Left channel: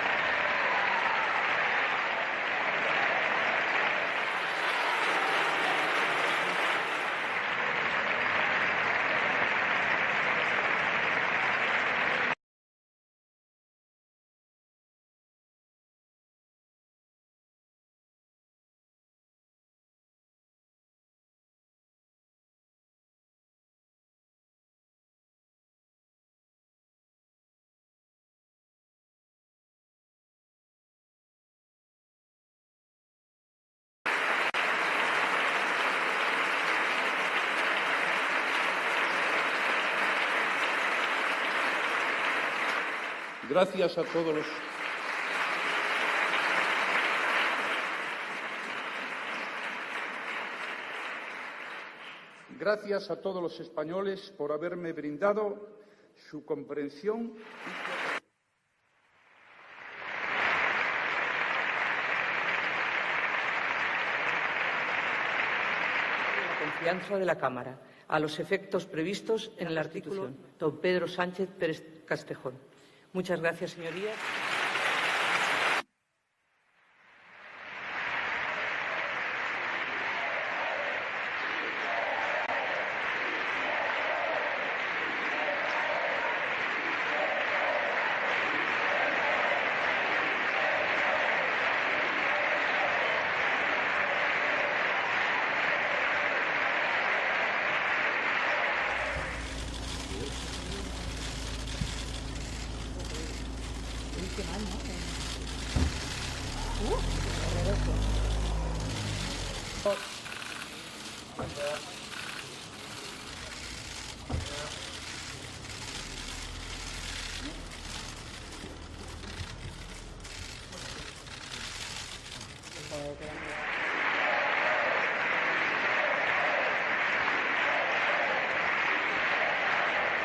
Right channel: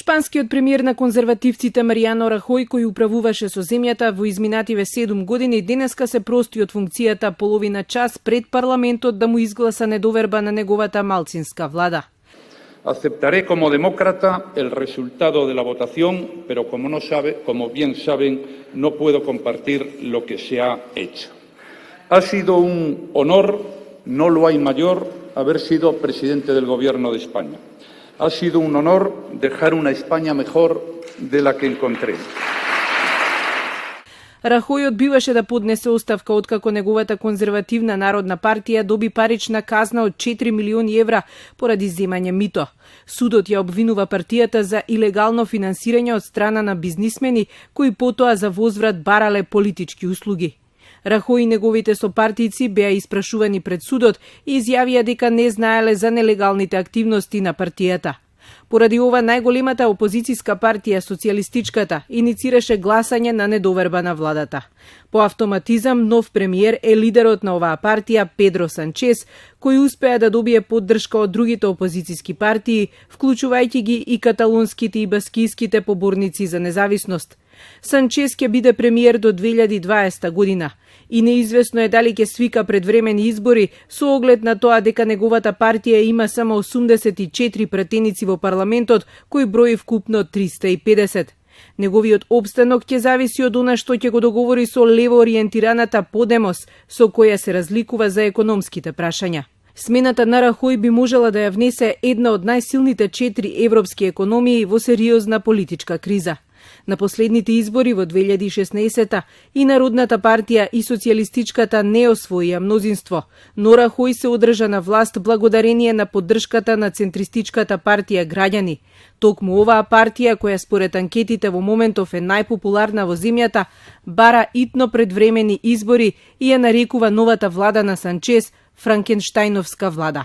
Шпанскиот премиер на конзервативците Маријано Рахој, кој управуваше со земјата во изминативе 7 години, денеска се прости од функцијата половина час пред парламентот да му изгласа недоверба на неговата малцинска влада. Aceptaré como demócrata el resultado de la votación, pero como bien saben, no puedo compartir lo que se ha hecho. Ha sido un honor, no lo hay mayor, haber sido presidente del Gobierno de España. Ha sido un honor dejar una España mejor de la que encontré. Рахој одбиваше да поднесе оставка откако неговата конзервативна народна партија доби парична казна од 4 милиони евра поради земање мито. Судот ја обвинува партијата за илегално финансирање од страна на бизнисмени кои потоа за возврат барале политички услуги. Рахој и неговите сопартијци беа испрашувани пред судот и изјавија дека не знаеле за нелегалните активности на партијата. Поради ова најголемата опозицијска партија, Социјалистичката, иницираше гласање на недоверба на владата. По автоматизам, нов премиер е лидерот на оваа партија, Педро Санчес, кој успеа да добие поддршка од другите опозицијски партии, вклучувајќи ги и каталунските и баскиските поборници за независност. Санчес ќе биде премиер до 2020 година. И неизвестно е дали ќе свика предвремени избори со оглед на тоа дека неговата партија има само 84 претеници во парламентот, кој брои вкупно 350. Неговиот опстанок ќе зависи од она што ќе го договори со лево ориентираната Подемос, со која се разликува за економските прашања. Смената на Рахој би можела да ја внесе една од најсилните 4 европски економии во сериозна политичка криза. На последните избори во 2016 и Народната партија и Социјалистичката не освоија мнозинство, но Рахој се одржа на власт благодарение на поддршката на центристичката партија Граѓани. Токму оваа партија, која според анкетите во моментов е најпопуларна во земјата, бара итно предвремени избори и ја нарекува новата влада на Санчес Франкенштајновска влада.